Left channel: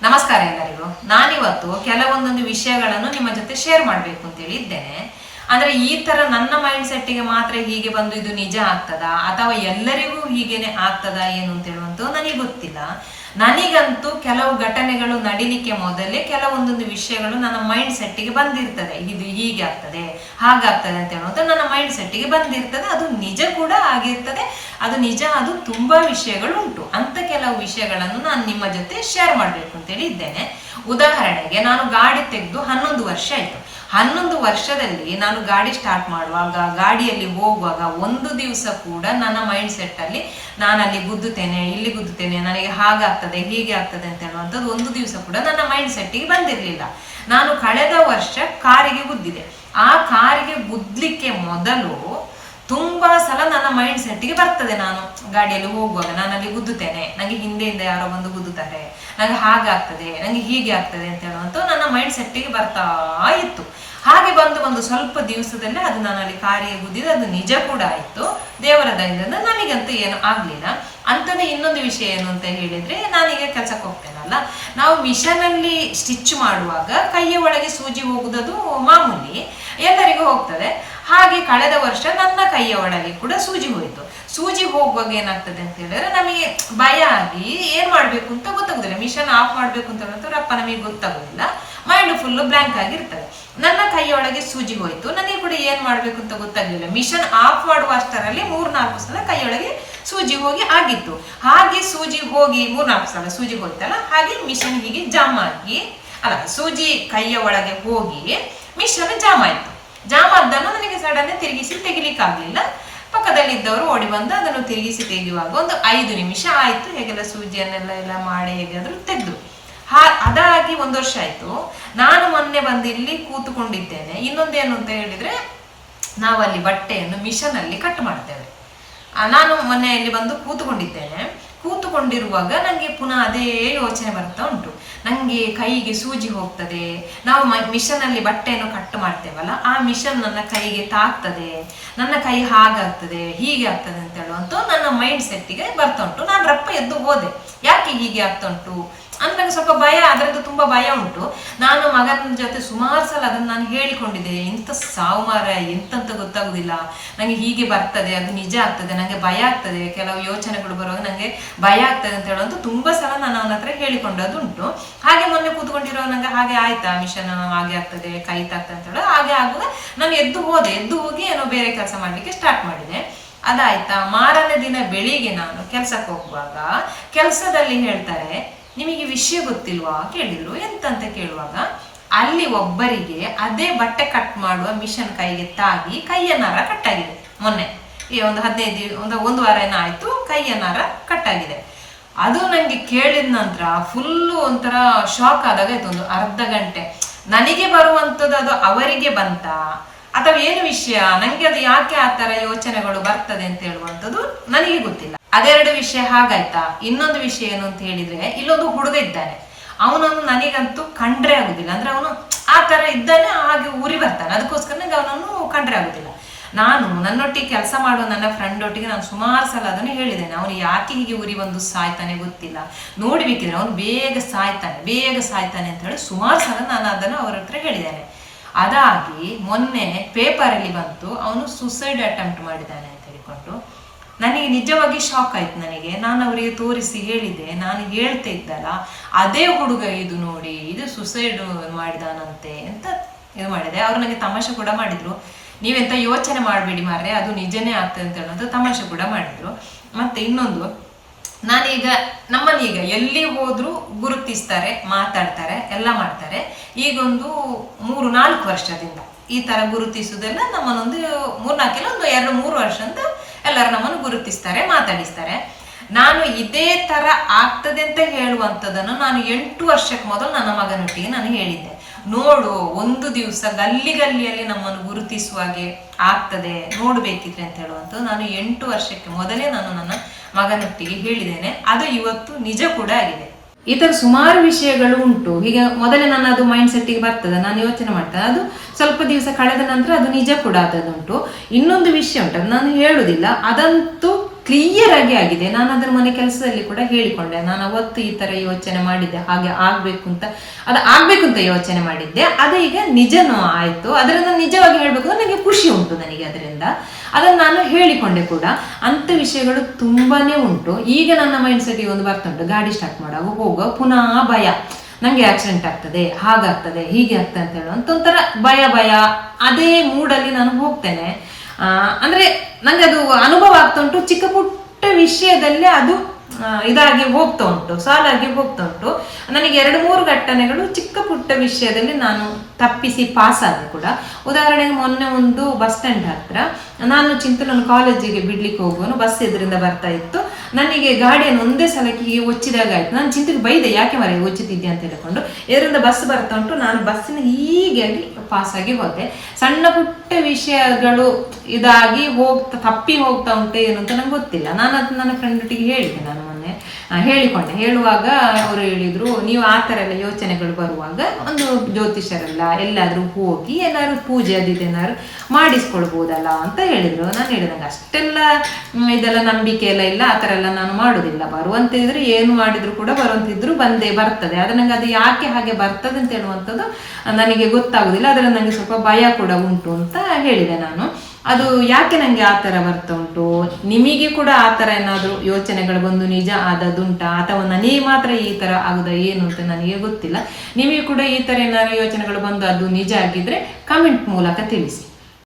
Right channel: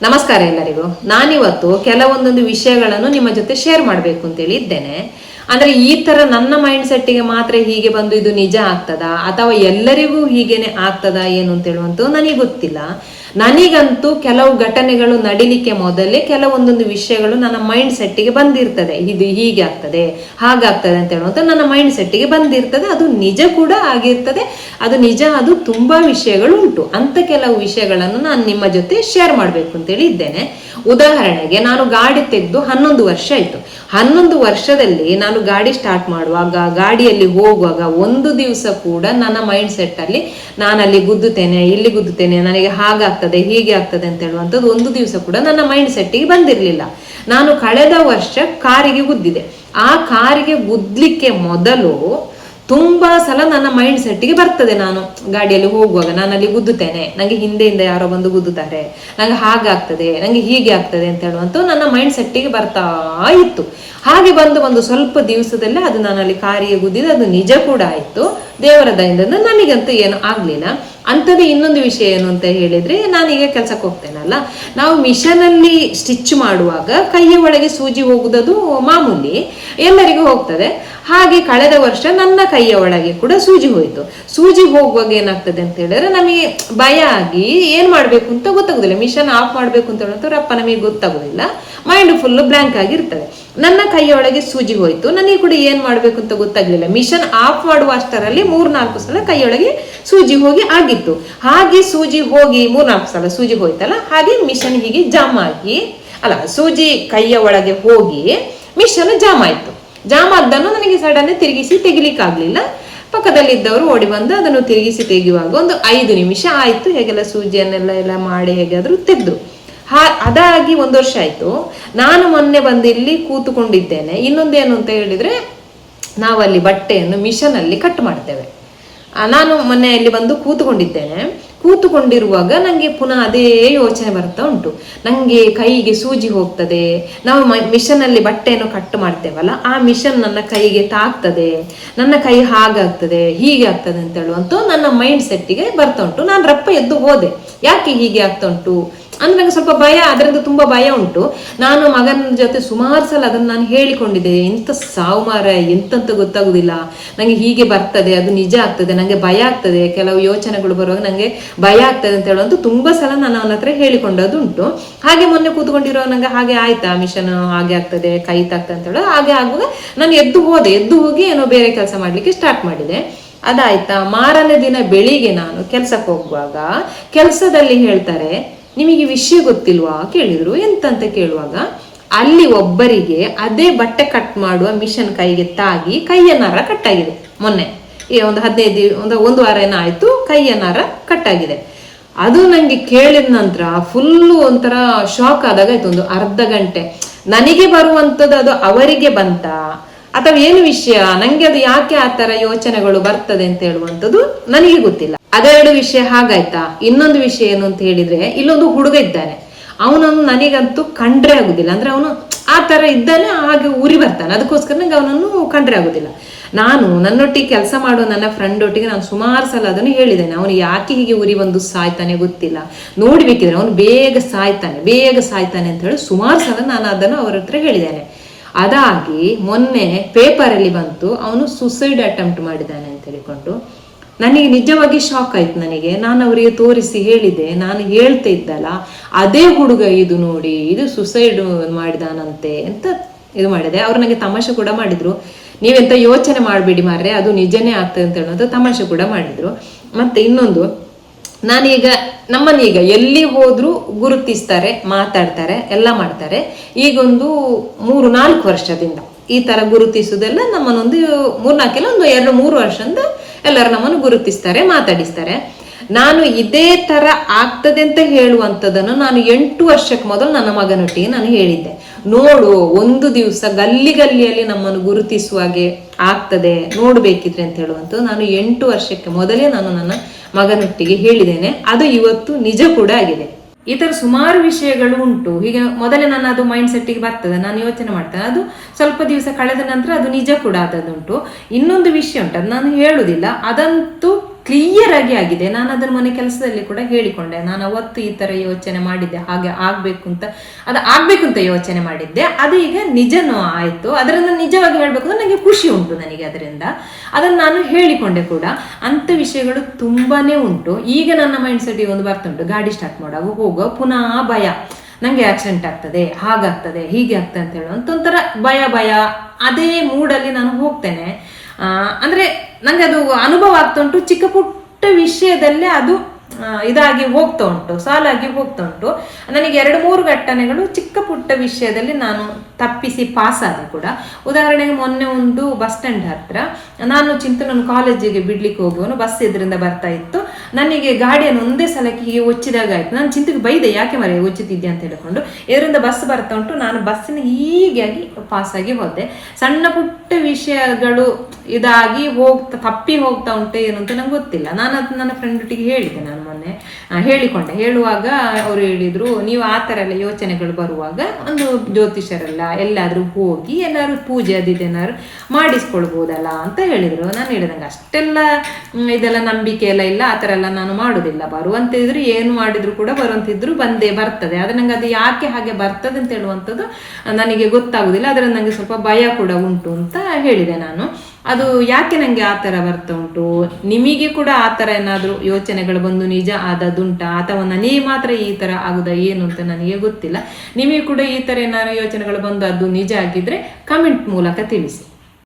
ನಮಸ್ಕಾರ ಎಲ್ಲರಿಗೂ. ನಾನಿವತ್ತು ಕೆಲವೊಂದೊಂದು ವಿಷಯಗಳನ್ನು ನಿಮ್ಮ ಜೊತೆ ಶೇರ್ ಮಾಡಬೇಕು ಅಂತೇಳಿ ಇದ್ದೇನೆ. ಅಂದ್ರೆ ಈ ತರ ನನ್ನ ಮೈಂಡ್ ಸೆಟ್ಟಿಗೆ ಮಾತ್ರ ಹೀಗೆ ಬಂದು ಇದು ನಿಜ ಆಗ್ತದಾ ಅಥವಾ ಎಲ್ಲರಿಗೂ ಹೀಗೇನೆ ಆಗ್ತದಾ ಏನು ಅಂತ ಹೇಳುವಂತೂ ನನಗೆ ಗೊತ್ತಿಲ್ಲ. ನನಗಂತೂ ಕೆಲವು ಘಟನೆಗಳು ನಡಿಲಿಕ್ಕೆ ಮೊದಲೇ ಕೆಲವೊಂದೊಂದು ವಿಷಯಗಳು ನನ್ನ ಮೈಂಡ್ ಸೆಟ್ಟಿಗೆ ಬಂದಿರ್ತದೆ. ಇದು ಹೀಗೆ ಆಗ್ತದೆ ಹಾಗಾಗ್ತದೆ ಅಂತ ಹೇಳುವಂತ ನನ್ನ ಮೈಂಡ್ ಸೆಟ್ಟಿಗೆ ಬಂದಿರ್ತದೆ. ಅದು ನಿಜ ಕೂಡ ಆಗಿರ್ತದೆ. ಅದು ನಿಜ, ಅದು ತುಂಬಾ ವಿಷಯಗಳು ಉಂಟು. ಅಂತ ಕೆಲವು ವಿಷಯಗಳನ್ನು ನಾನು ನಿಮ್ಮ ಜೊತೆ ಶೇರ್ ಮಾಡ್ಬೇಕು ಅಂತೇಳಿ ಇದ್ದೇನೆ. ಉದಾಹರಣೆಗೆ, ನಾನು ಗಾಡಿ ತೆಗೆದು 11 ವರ್ಷ ಆಯ್ತು. 11 ವರ್ಷದಲ್ಲಿ ನಾನು ಗಾಡಿ ಸ್ಟಾರ್ಟ್ ಮಾಡುವಾಗ, ಗಾಡಿಯಲ್ಲಿ ಹೋಗುವಾಗ ಒಂದು ದಿವಸ ಕೂಡ ನನ್ನ ಮೈಂಡ್ ಸೆಟ್ ಅಲ್ಲಿ ನಾನು ಅಲ್ಲಿ ಗುದ್ದುತ್ತೇನೆ, ಇಲ್ಲಿ ಗುದ್ದುತ್ತೇನೆ, ನನಗೆ ಹಾಗಾಗ್ತದೆ ಹೀಗೆ ಆಗ್ತದೆ ಅಂತ ಹೇಳುವಂಥದ್ದು ಒಂದು ದಿವಸ ಕೂಡ ನನ್ನ ಮೈಂಡ್ ಸೆಟ್ಟಿಗೆ ಬಂದಿರಲಿಲ್ಲ. ನಾನು ಕಳೆದ ವರ್ಷ ಕಾರಿಗೆ ಗುದ್ದಿದೆ. ಆ ಕಾರಿಗೆ ಗುದ್ಲಿಕ್ಕೆ ಮೊದಲು ತುಂಬಾ ಸಲ ನನ್ನ ಮೈಂಡ್ ಸೆಟ್ಟಿಗೆ ಬರ್ತದೆ, ನಾನು ಗಾಡಿಯಲ್ಲಿ ಹೋಗುವಾಗ ನಾನು ಅಲ್ಲಿ ಗುದ್ದುತ್ತೇನೆ, ನಂಗೆ ಹಿಂದೆಯಿಂದ ಯಾರೋ ಬಂದು ಗುದ್ದುತ್ತಾರೆ, ನಂಗೆ ಹಾಗಾಗ್ತದೆ, ನಂಗೆ ಹೀಗೆ ಆಗ್ತದೆ ಅಂತ ಹೇಳುವಂತ ನನ್ನ ಮೈಂಡ್ ಸೆಟ್ಟಿಗೆ ಬರ್ತಾ ಇತ್ತು. ಹಾಗೆ ಬಂದು ಸ್ವಲ್ಪ ದಿವಸದಲ್ಲೇ ಅದು ನಾನು ಅಲ್ಲಿ ಕಾರಿಗೆ ಗುದ್ದಿದೆ. ಅದು ನಿಜ ಕೂಡ ಆಯ್ತು, ದೇವರ ದಯದಿಂದ ನನಗಂತೂ ಏನು ಆಗ್ಲಿಲ್ಲ. ಅಂಥದ್ದು ಇನ್ನೊಂದು ವಿಷಯ ಏನು ಅಂತ ಹೇಳಿದ್ರೆ, ನಾನೀಗ ಕೆಲ್ಸಕ್ಕೆ ಹೋಗ್ತೇನಲ್ಲ, ನಾವು ಮಿಷನ್ ಅಲ್ಲಿ ಸ್ಟಿಚ್ ಮಾಡುವಾಗ ಕೈಯ ಒಳಗೆ ಸೂಜಿ ಹೋಗುವುದು ಮಾಮೂಲಿ, ಎಲ್ಲರಿಗೂ ಹೋಗ್ತದೆ. ಹಾಗೆ ಕಳೆದ ವರ್ಷ ನನ್ನ ಕೈಯ ಒಳಗೆ ಕೂಡ ಸೂಜಿ ಹೋಯ್ತು. ಸೂಜಿ ಹೋಗುವಾಗ ಏನಾಗ್ತದೆ ಅಂತ ಹೇಳಿದ್ರೆ, ನಮಗೆ ಭಯ ಆಗಿ ಏನ್ ಮಾಡ್ಬೇಕು ಅಂತ ಗೊತ್ತಾಗುದಿಲ್ಲ. ಮಿಷನ್ ಆಫ್ ಮಾಡ್ಬೇಕು ಅಂತ ಹೇಳಿದ್ರೆ ರಪ್ಪ ನಮಗೆ ಗೊತ್ತಾಗುದಿಲ್ಲ, ಮೈಂಡ್ ಫುಲ್ ಬ್ಲಾಂಕ್ ಆಗಿರ್ತದೆ. ನನ್ನ ಕೈಯ ಒಳಗೆ ಸೂಜಿ ಹೋಯ್ತು, ನನಗೆ ಕೂಡ ಏನ್ ಮಾಡ್ಬೇಕು ಅಂತ ಗೊತ್ತಾಗ್ಲಿಲ್ಲ. ಮಿಷನ್ ಆಫ್ ಮಾಡುವ ಅಷ್ಟರಲ್ಲಿ 3-4 ಸಲ ಕೈಯೊಳಗೆ ಸೂಜಿ ಹೋಗಿ ಆಗಿತ್ತು. ಹಾಗೆ ಸೂಜಿ ಹೋಗಿ 3-4 ಸಲ ಸೂಜಿ ಹೋಯ್ತಲ್ಲ, ಹಾಗೆ ಮಿಷನ್ ಹೀಗೆ ಜಾಮ್ ಆಗಿ, ಅಲ್ಲ, ಸೂಜಿ ಕೈಯ ಒಳಗೆ ಹೋಗಿ ಮಿಷನ್ ಜಾಮ್ ಆಯ್ತು. ಜಾಮ್ ಆದ್ದನ್ನು ನನಗೆ ಸಡನ್ ತಿರುಗಿಸಿ ತೆಗಿಲಿಕ್ಕಾಗ್ಲಿಲ್ಲ. ಪಕ್ಕದಲ್ಲಿದ್ದವರು ಓಡಿ ಬಂದು ಅದನ್ನು ತಿರುಗಿಸಿ ತೆಗೆಯುವಾಗ ಒಂದು 5 ನಿಮಿಷ ಆಯ್ತು. ಹೇಗೆಲ್ಲ ಸೂಜಿಯನ್ನೆಲ್ಲ ಮಾಡಿ ಹೇಗಾದ್ರೂ ತೆಗೆದ್ರು. ಅದಾಗಿ 1 ವರ್ಷ ಆಯ್ತು. ನಾನು ಮೊನ್ನೆ ಬಂದು ಇಲ್ಲಿ ಕೂತುಕೊಂಡಿದ್ದೇನೆ. ಇನ್ನೊಂದೇನು ಅಂತ ಹೇಳಿದ್ರೆ, ನಾವಲ್ಲಿ ಬಟ್ಟೆಯನ್ನು ಮಿಷನ್ ಅಲ್ಲಿ ಕಟ್ ಮಾಡ್ತೇವೆ. ನಾನು ಮೊನ್ನೆ ಇಲ್ಲಿ ಬಂದು ಕೂತುಕೊಂಡಿರುವಾಗ ನಂಗೆ ಪುನಃ ಅದೇ ಯೋಚನೆ ಬರ್ತಾ ಉಂಟು. ನಂಗೆ ಕೈಗೆ ಸೂಜಿ ಹೋಗ್ತದೆ, ನಾವು ಮಿಷನ್ ಅಲ್ಲಿ ಬಟ್ಟೆಯನ್ನು ಕಟ್ ಮಾಡ್ತೇವಲ್ಲ, ಆ ಮಿಷನ್ ನನ್ನ ಕೈಗೆ ತಾಗ್ತದೆ, ನನ್ನ ಕೈ ಹಾಗಾಗ್ತದೆ ಹೀಗೆ ಆಗ್ತದೆ ಅಂತ ಹೇಳುವಂತ ನನ್ನ ಮೈಂಡ್ ಸೆಟ್ಟಿಗೆ ಬರ್ತಾ ಉಂಟು. ನಾನು ರಪ್ಪ ಎದ್ದು ಹೋದೆ, ಯಾಕೆ ಹೀಗೆ ಆಗ್ತಾ ಉಂಟು ಅಂದ್ರೆ ನಂಗೆ ಸ್ವಲ್ಪ ಭಯ, ಅದರಿಂದ ತುಂಬಾ ಭಯ ಉಂಟು. ನಾನು ಮಗನ ಜೊತೆ ಸುಮಾರು ಸಲ ಅದನ್ನು ನಾನು ಹೇಳಿಕೊಂಡಿದ್ದೆ, ಎಂತ ಸಾವು ಮಾರ, ಎಂತಂತ ಗೊತ್ತಾಗುದಿಲ್ಲ, ನಂಗೆ ಹೀಗೆ ಬರ್ತದೆ, ಅದು ನಿಜ ಆಗ್ತದೆ, ನಂಗೆ ಭಯ ಆಗ್ತದೆ, ಕೆಲವು ಯೋಚನೆಗಳು ಬರುವಾಗ ನಂಗೆ ಭಯ ಆಗ್ತದೆ ಅಂತ ಹೇಳುವಂತ ತುಂಬಾ ಸಲ ನಾನು ಅವನ ಹತ್ರ ಹೇಳಿಕೊಂಡದ್ದು ಉಂಟು. ಹಾಗೆ ಮೊನ್ನೆ ಕೂತ್ಕೊಂಡಿರೋ ನಂಗೆ ಹಾಗೆ ಆಯ್ತಾ, ಮಿಷನ್ ಹಾಗೆ ಆಗ್ತದೆ, ಕೈ ತಾಗ್ತದೆ ಅಂತ ಹೇಳೋದು. ಹಾಗೆ ಆಗುವಾಗ ನಾನು ಎದ್ದು ಹೋಗಿ ಏನೋ ಬೇರೆ ಕೆಲಸ ಮಾಡ್ಲಿಕ್ಕೆ ಸ್ಟಾರ್ಟ್ ಮಾಡಿದೆ. ಅದಾಯ್ತಾ, ಮಾರನೇ ದಿನ ಬೆಳಿಗ್ಗೆ ನಾನು ಕೆಲ್ಸಕ್ಕೆ ಹೋಗುವಾಗ ಕೆಲಸದಲ್ಲಿ ಹೇಳ್ತಾರೆ, ನಿಮಗೆ ವಿಷಯ ಗೊತ್ತಿಲ್ವಾ ಕೇಳಿದ್ರು. ಎಂತಂತ ಕೇಳುವಾಗ, ಅಲ್ಲಿ ಒಬ್ಬರಿಗೆ ಅದೇ ಬಟ್ಟೆ ಕಟ್ ಮಾಡುವ ಮಿಷನ್ ಕೈಗೆ ತಾಗಿ ಕೈಯ ನರ ಕಟ್ಟಾಗಿದೆ. ಮೊನ್ನೆ ಒಂದು 1 ವಾರ ಏನಾಯ್ತು, ಕೈಯ ನರ ಕಟ್ಟಾಗಿದೆ. ಅದು ನಂಗೆ ಕೇಳಿದ ನಂತರ ಫುಲ್ಲು ಒಂಥರ ಶಾಕ್ ಆದಾಗ ಆಯ್ತು. ಒಂದು ಅರ್ಧ ಗಂಟೆ ನನಗೆ ಬರುವಂಥದ್ದು ಅದು ಅವರಿಗೆ ಬಂತ ಅಥವಾ ಏನು ವಿಷಯ, ನಂಗೆ ಅದು ಯಾಕೆ ಆ ತರ ಯೋಚನೆಗಳು ಬರ್ತದೆ ಅಂತ ಹೇಳುವಂಥದ್ದು ನನಗೆ ಗೊತ್ತಿಲ್ಲ. ಅದೆರಡು ವಿಷಯ ಹಾಗಾಯ್ತಾ. ಇನ್ನೊಂದು ವಿಷಯ ಏನು ಅಂತ ಹೇಳಿದ್ರೆ, ಇಲ್ಲೊಂದು ಹುಡುಗ ಇದ್ದಾನೆ, ಅವನನ್ನು ನನಗಂತೂ ಕಂಡ್ರೆ ಆಗುದಿಲ್ಲ. ಅಂದ್ರೆ ಅವನು ಆ ತರ ಇದ್ದಾನೆ, ಹಾಗೆ ಉರಿ ಬರ್ತಾನೆ, ಅದಕ್ಕೋಸ್ಕರ ನಂಗೆ ಅವನನ್ನು ಕಂಡ್ರೆ ಆಗುದಿಲ್ಲ. ನಾನು ನನ್ನೊಟ್ಟಿಗೆ ಕೆಲಸ ಮಾಡುವ ನನ್ನ ಫ್ರೆಂಡ್ ಒಟ್ಟಿಗೆ ನಾನು ಸುಮಾರು ಸಲ ಅದನ್ನು ಹೇಳಿದ್ದೇನೆ, ಅವನು ಯಾಕೆ ಹೀಗೆ ಉರಿ ಬಂದು ಸಾಯ್ತಾನೆ ಗೊತ್ತಿಲ್ಲ, ನೋಡ್ಬೇಕಿದ್ರೆ ಅವನು ಬೇಗ ಸಾಯ್ತಾನೆ ಅಂತ ಹೇಳಿ ಸುಮಾರು ಸಲ ನಾನು ಅದನ್ನು ಅವರ ಹತ್ರ ಹೇಳಿದ್ದೇನೆ. ಅದಾಗಿ ಮೊನ್ನೆ ಪೇಪರಲ್ಲಿ ಬಂತು, ಅವನು ಸುಸೈಡ್ ಅಟೆಂಪ್ಟ್ ಮಾಡಿದ್ದಾನೆ ಅಂತ ಹೇಳಿಕೊಂಡು. ನನಗೆ ನಿಜವಾಗಿ ಶಾಕ್ ಆಯ್ತು. ನಾನು ಅವರಿಗೆ ತೋರಿಸಿ ಹೇಳಿದೆ, ನಾನು ಹೇಳ್ತಾ ಇದ್ದಲ್ಲ, ಅದೇ ಹುಡುಗ ಇದು ನೋಡಿ, ಇದು ಸುಸೈಡ್ ಮಾಡಿದಾನಂತೆ ಅಂತ ಇದು ಮಾಡಿದೆ. ಅವ್ರು ನನಗೆ ತಮಾಷೆ ಕೂಡ ಮಾಡಿದ್ರು, ನೀವೆಂತ ಯೋಚನೆ ಮಾಡಬೇಡಿ ಮಾರ್ರೆ, ಅದು ನಿಜನೇ ಆಗ್ತದೆ ಅಂತ ಹೇಳೋದು ತಮಾಷೆ ಕೂಡ ಮಾಡಿದ್ರು. ಮತ್ತೆ ಇನ್ನೊಂದು, ನಾನೀಗ ನಮ್ಮನ್ನೀಗ ಎಲ್ಲಿ ಹೋದ್ರು ಗುರುತಿಸ್ತಾರೆ, ಮಾತಾಡ್ತಾರೆ, ಎಲ್ಲ ಮಾಡ್ತಾರೆ. ಈಗೊಂದು 3-4 ವರ್ಷದಿಂದ ಈ ತರ ಗುರುತಿಸುವುದೆಲ್ಲ ನಮ್ಮನ್ನೊಂದು 3-4 ಇಲ್ಲ, ಒಂದು 2-3 ವರ್ಷದಿಂದ ಎಲ್ಲರೂ ನಮ್ಮನ್ನು ಗುರುತಿಸ್ತಾರೆ, ಮಾತಾಡಿಸ್ತಾರೆ. ನಾನು ಇದೇ ತರ ಆಗ್ತದೆ ಅಂತ ಹೇಳುವಂಥದ್ದನ್ನು ನಾನು 8 ವರ್ಷಕ್ಕೆ ಮೊದಲು ನನ್ನ ಮಗನೊಟ್ಟಿಗೆ ನಾನು ಹೇಳಿದ್ದೆ. ನೋಡು, ಒಂದು ದಿವಸ ಗಲ್ಲಿಯಲ್ಲಿ ನಮ್ಮನ್ನು ಗುರುತಿಸುವಾಗೆ ಆಗ್ತದೆ, ನೋಡ್ಬೇಕಿದ್ರೆ ಅಂತ ಹೇಳುವಂಥದ್ದು ನಾನು 8 ವರ್ಷಕ್ಕೆ ಮೊದಲೇ ನಾನು ನನ್ನ ಮಗನೊಟ್ಟಿಗೆ ಹೇಳಿದ್ದೇನೆ. ಅದು ಇವತ್ತು ನಿಜ ಕೂಡ ಆಗಿದೆ. ಈ ತರ ಸುಮಾರು ವಿಷಯಗಳು ಉಂಟು. ಹೀಗೆ ಮೊದಲೇ ನಾನು ಅದು ಮೈಂಡ್ ಸೆಟ್ಟಿಗೆ ಬರ್ತದೆ, ನಾನು ಯೋಚನೆ ಮಾಡ್ತೇನೆ, ಅದು ಸ್ವಲ್ಪ ದಿವಸ ಕಳೆದ ನಂತರ ಅದು ನಿಜ ಕೂಡ ಆದದುಂಟು. ಇನ್ನೊಂದು ವಿಷಯ ಉಂಟು, ಅದು ನಾನು ಹೇಳುದಿಲ್ಲ, ಅದಂತೂ ಕ್ಲಿಯರ್ ಆಗಿ ಆಗಿದೆ. ನಾನು ಅದರ ಮನೆ ಕೆಲಸದಲ್ಲಿ ಕೂಡ ಹೇಳಿಕೊಂಡೆ, ನಾನು ಅವತ್ತು ಈ ತರ ಯೋಚನೆ ಮಾಡಿದ್ದೆ, ಹಾಗೆ ಆಗ್ಬೇಕು ಅಂತ, ಅದು ಆಗ್ಬೇಕು ಅಂತ ಯೋಚನೆ ಮಾಡಿದ್ದೆ, ಅದು ಈಗ ನಿಜನೂ ಆಯ್ತು. ಅದರಿಂದ ನಿಜವಾಗಿ ಹೇಳ್ಬೇಕು ಅಂದ್ರೆ ನನಗೆ ಖುಷಿ ಉಂಟು ನನಗೆ ಅದರಿಂದ. ಅದನ್ನು ನಾನು ಹೇಳಿಕೊಂಡೆ ಕೂಡ. ಅಂತ ವಿಷಯಗಳು ತುಂಬಾನೇ ಉಂಟು. ಈಗ ನನ್ನ ಮೈಂಡ್ ಸೆಟ್ ಒಂದು ಬರ್ತಾ ಉಂಟು, ಗಾಡಿ ಸ್ಟಾರ್ಟ್ ಮಾಡುವಾಗ ಹೋಗೋ ಪುನಃ ಭಯ, ನಂಗೆ ಆಕ್ಸಿಡೆಂಟ್ ಆಗ್ತದೆ, ಹಾಗಾಗ್ತದೆ, ಹೀಗೆ ಆಗ್ತದೆ ಅಂತ ಹೇಳುವಂತ ಒಂಥರ ಭಯ ಅದೇ ಮೂಡಲ್ಲಿ ನಾನು ಹೋಗ್ತೇನೆ. ಅಂದ್ರೆ ನಂಗೆ ಅದು ಅನುಭವ ಆಗ್ತಾ ಉಂಟು. ಚಿಕ್ಕ ಪುಟ್ಟ ವಿಷಯದಲ್ಲೇ ಅದು ಇದಾಗಿ ಹೋಗ್ತಾ ಉಂಟು, ಸಾಲಾಗಿ ಹೋಗ್ತಾ ಉಂಟು. ನನಗೆ 2-3 ಘಟನೆಗಳು ಚಿಕ್ಕ ಪುಟ್ಟ ವಿಷಯದಲ್ಲಿ ನಾನು ತಪ್ಪಿಸಿ ಪಾಸ್ ಆದೆ ಕೂಡ. ಉದಾಹರಣೆಗೆ ಮೊನ್ನೆ ಒಂದು ಬಸ್ ಸ್ಟ್ಯಾಂಡ್ ಹತ್ರ ನಾನು ಚಿಂತನ ಕಾಲೇಜಿಗೆ ಬಿಡ್ಲಿಕ್ಕೆ ಹೋಗುವನು, ಬಸ್ ಎದುರಿಂದ ಬರ್ತಾ ಇತ್ತು. ನನಗೆ ಗಾಡಿಯನ್ನು ಒಂದೇ ಸಲಕ್ಕೆ ಹೀಗೆ ಒಚ್ಚಿದಾಗ ಆಯ್ತು. ನಾನು ಚಿಂತೆಗೆ ಬೈದೆ, ಯಾಕೆ ಮರೆ ಒಚ್ಚುತ್ತಿದ್ದೆ ಅಂತ ಹೇಳಿಕೊಂಡು. ಇದರಿಂದ ಬಸ್ ಬರ್ತಾ ಉಂಟು, ನಾನು ಬಸ್ಸಿನ ಹೀಗಾಗಿ ಪಾಸ್ ಆಗಿ ಹೋದೆ. ಸಣ್ಣ ಪುಟ್ಟ ವಿಷಯಗಳು ಇದಾಗಿ ತಪ್ಪಿ ಹೋಗ್ತಾ ಉಂಟು ಏನು ಅಂತ ನಂಗೆ ಗೊತ್ತಿಲ್ಲ. ನಾನು ಅದು ನನ್ನ ಫ್ರೆಂಡ್ ಒಟ್ಟಿಗೆ ಹೇಳಿದೆ, ನಾನು ಮೊನ್ನೆ ಹೇಳಿಕೊಂಡೆ. ಹೇಳುವಾಗ ಅವರು ಹೇಳಿದ್ರು, ನೀವು ಆ ಥರ ಎಲ್ಲ ಯೋಚನೆಗಳು ಬರುವಾಗ ಒಂದು ಜ್ಯೋತಿಷರೆಲ್ಲ ಎಲ್ಲಾದ್ರೂ ಹೋಗಿ ಎಲ್ಲಾದ್ರೂ ಪೂಜೆ ಅದಿದೇನಾದ್ರು ಮಾಡಿಸ್ಕೊಳ್ಬೋದಲ್ಲ ಅಂತ ಹೇಳಿದ್ರು. ನಾನು ಹೇಳಿದೆ, ನಂಗೆ ಅಷ್ಟೆಲ್ಲ ಇದೆಲ್ಲ ನಂಬಿಕೆ ಎಲ್ಲ ಇಲ್ಲ, ಆ ಥರ ಎಲ್ಲ ನಾನು ಮಾಡುದಿಲ್ಲ. ಬರುವಂತಿದ್ರು ಏನು ಮಾಡಿದ್ರು ಕೂಡ ಬರುವಂತಿದ್ರು ಬರ್ತದೆ. ಆದ್ರೆ ನಂಗೆ ಅದು ಯಾಕೆ ಹಾಗೆ ಬರ್ತದೆ ಅಂತ ಹೇಳುವಂಥದ್ದು ನನಗೆ ಗೊತ್ತಾಗುದಿಲ್ಲ. ಅದರಲ್ಲಿ ನನಗೆ ಸ್ವಲ್ಪ ಭಯ ಕೂಡ ಉಂಟು ಅಂತ ಹೇಳಿದೆ ನಾನು. ಅದು ಯಾಕೆ ನಂಗೆ ಆ ಥರ ಬರ್ತಾ ಉಂಟು, ನಿಮಗೆ ಕೂಡ ಆ ಥರ ಏನಾದರೂ ಯೋಚನೆಗಳು ಬಂದು ನಿಜ ಆದದುಂಟಾ, ಅಥವಾ ನನಗೆ ಮಾತ್ರ ಈ ಥರ ಆಗುದಾ ಏನು ಅಂತ ನನಗೆ ಗೊತ್ತಿಲ್ಲ. ನಿಮಗೆ ಕೂಡ ಈ ಥರ ಏನಾದ್ರು ಯೋಚನೆಗಳು ಬಂದು ಅದು ನಿಜ ಆಗಿದ್ರೆ ಕಮೆಂಟ್ ಮೂಲಕ ತಿಳಿಸಿ.